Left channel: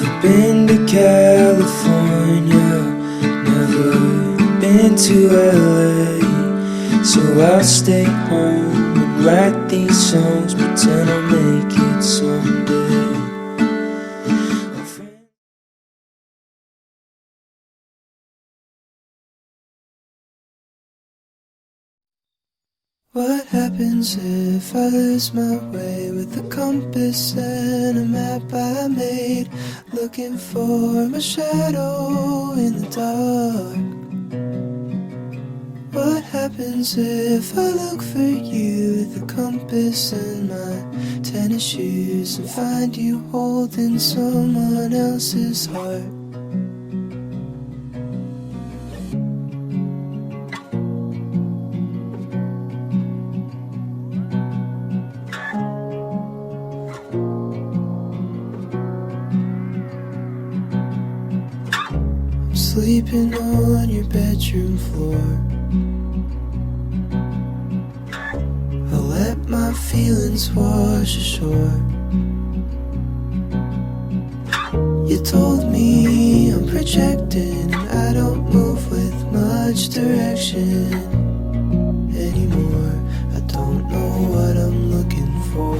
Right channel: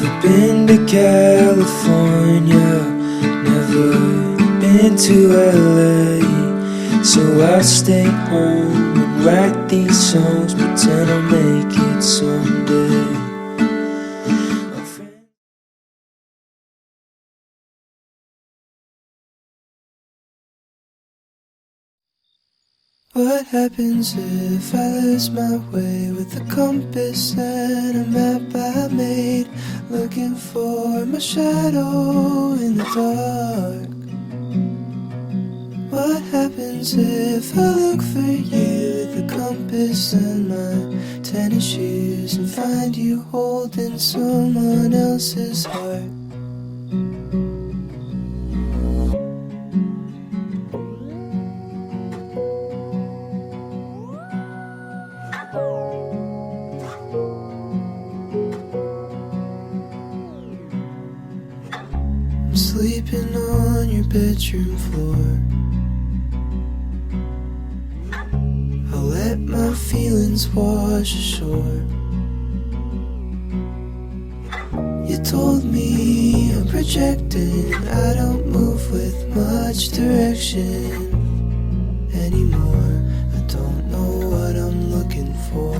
Never been to California, never been to LA, so I'll stay home and write these songs, pretend I'll make it someday. What happens if I lose my way with a compass and a map I made, looking for my shadow in the dark? What happens if I look for you with a compass and my tennis shoes and find you holding someone else's heart? Sleeping on your bedroom floor, I'll let my feelings wash ashore. You told me I'm projecting and I don't move with much direction anymore. I don't know what I'm looking for.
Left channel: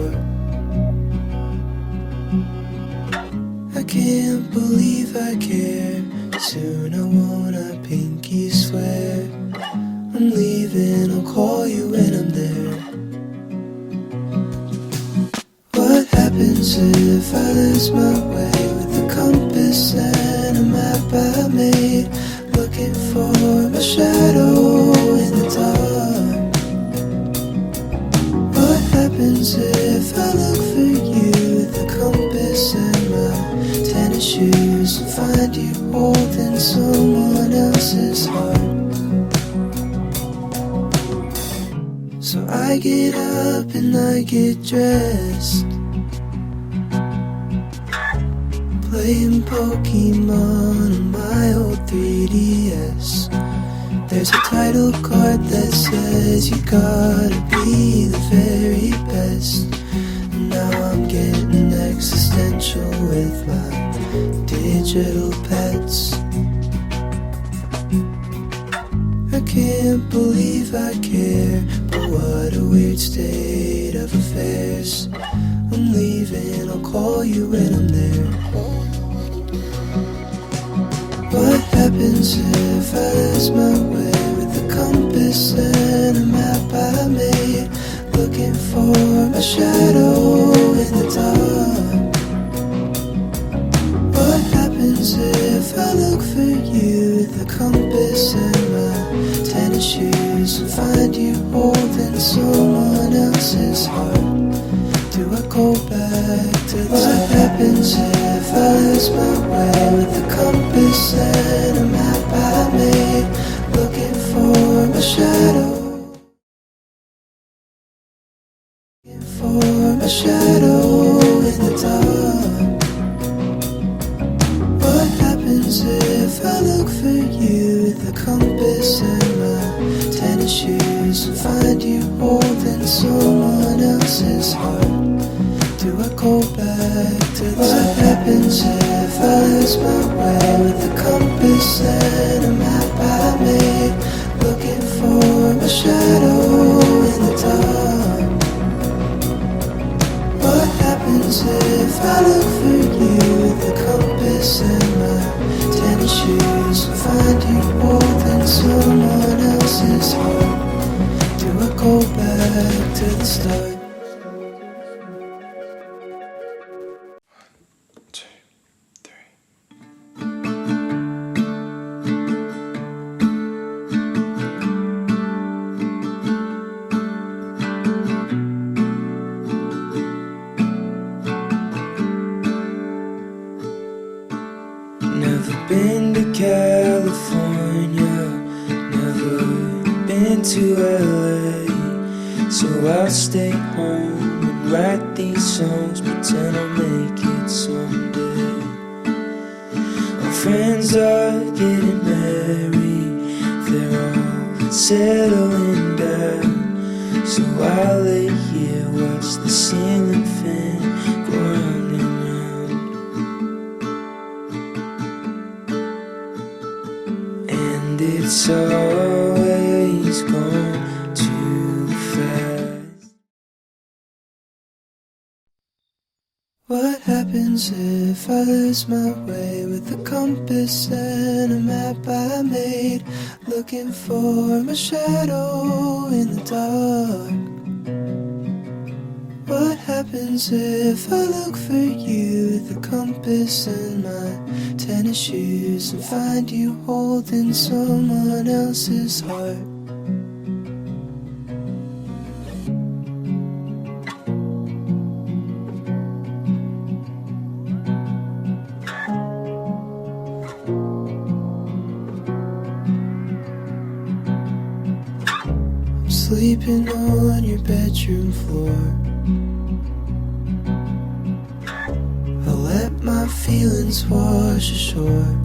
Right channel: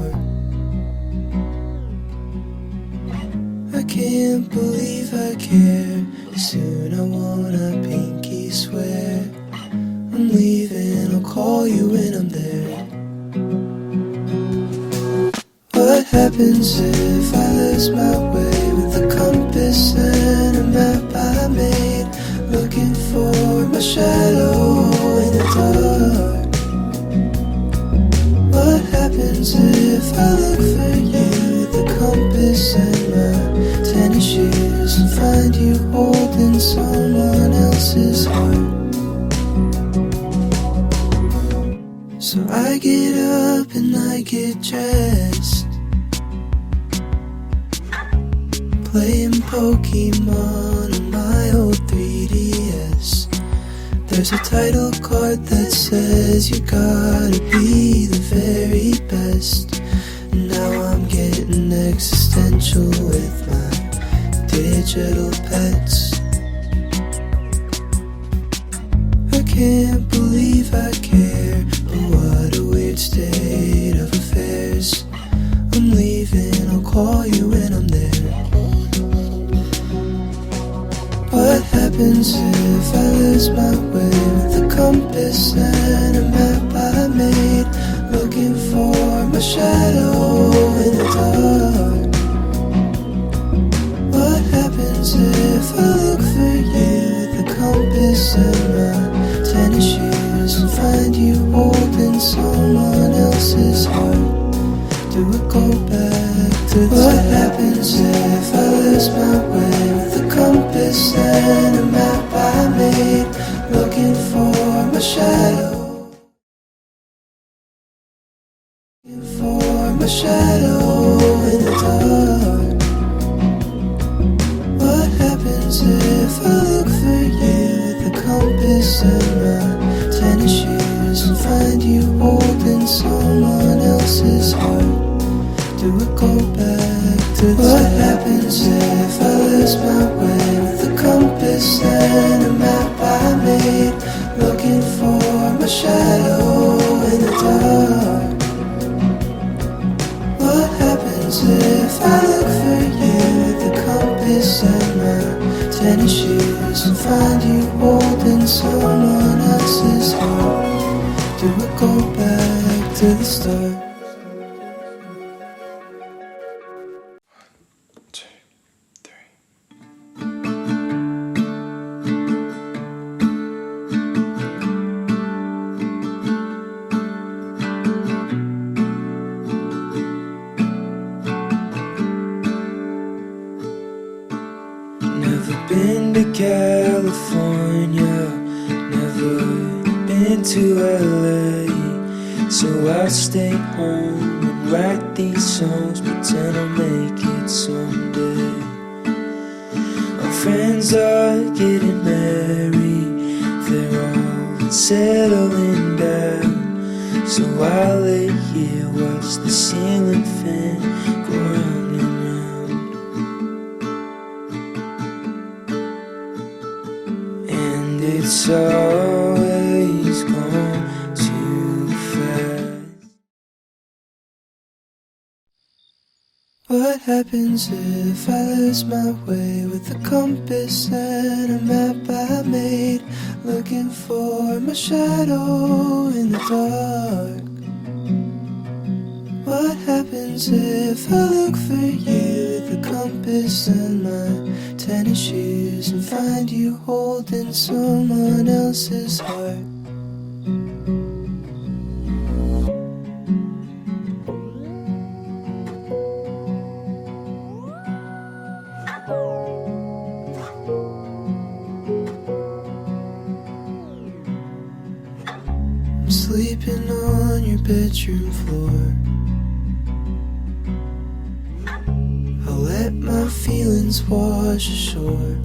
I can't believe I care. Soon I wanna pinky swear I'm leaving, I'll call you when I'm there. What happens if I lose my way with a compass and a map I made, looking for my shadow in the dark? What happens if I look for you with a compass and my tennis shoes and find you holding someone else's heart? So I get up and I get dressed, playing Pokemon on my old 3DS. There's a title card that says you gotta be the very best. Now I'm getting existential with my digital pets. I can't believe I care, but what a weird state of affairs. I'm leaving, I'll call you when I'm there. What happens if I lose my way with a compass and a map I made, looking for my shadow in the dark? What happens if I look for you with a compass and my tennis shoes and find you holding someone else's heart? Do I go back to the start? What happens if I lose my way with a compass and a map I made, looking for my shadow? For my shadow in the dark. What happens if I look for you with a compass and my tennis shoes and find you holding someone else's heart? Do I go back to the start? What happens if I lose my way with a compass and a map I made, looking for my shadow in the dark? What happens if I look for you with a compass and my tennis shoes and find you holding someone else's heart? Do I go back to the start? 1, 2, 3. Never been to California, never been to LA, so I'll stay home and write these songs, pretend I'll make it someday. My friends are getting married, they're all settling down, so I'll lay here, watch the ceiling fan go round and round. always gone too fast. What happens if I lose my way with a compass and a map I made, looking for my shadow in the dark? What happens if I look for you with a compass and my tennis shoes and find you holding someone else's heart? I'm sleeping on your bedroom floor. I'll let my feelings wash ashore.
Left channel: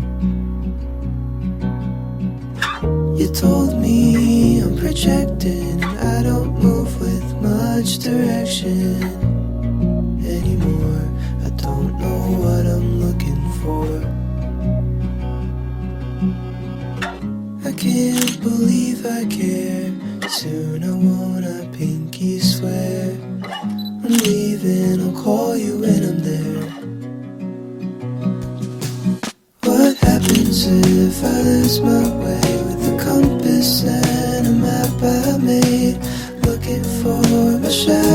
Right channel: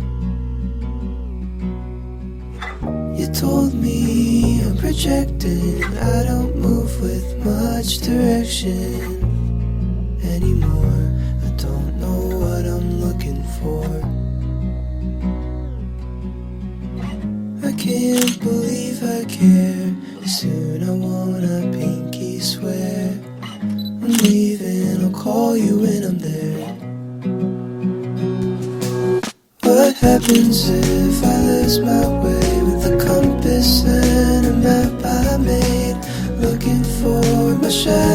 You told me I'm projecting and I don't move with much direction anymore. I don't know what I'm looking for. I can't believe I care. Soon I wanna pinky swear. I'm leaving, I'll call you when I'm there. What happens if I lose my way with a compass and a map I made, looking for my shadow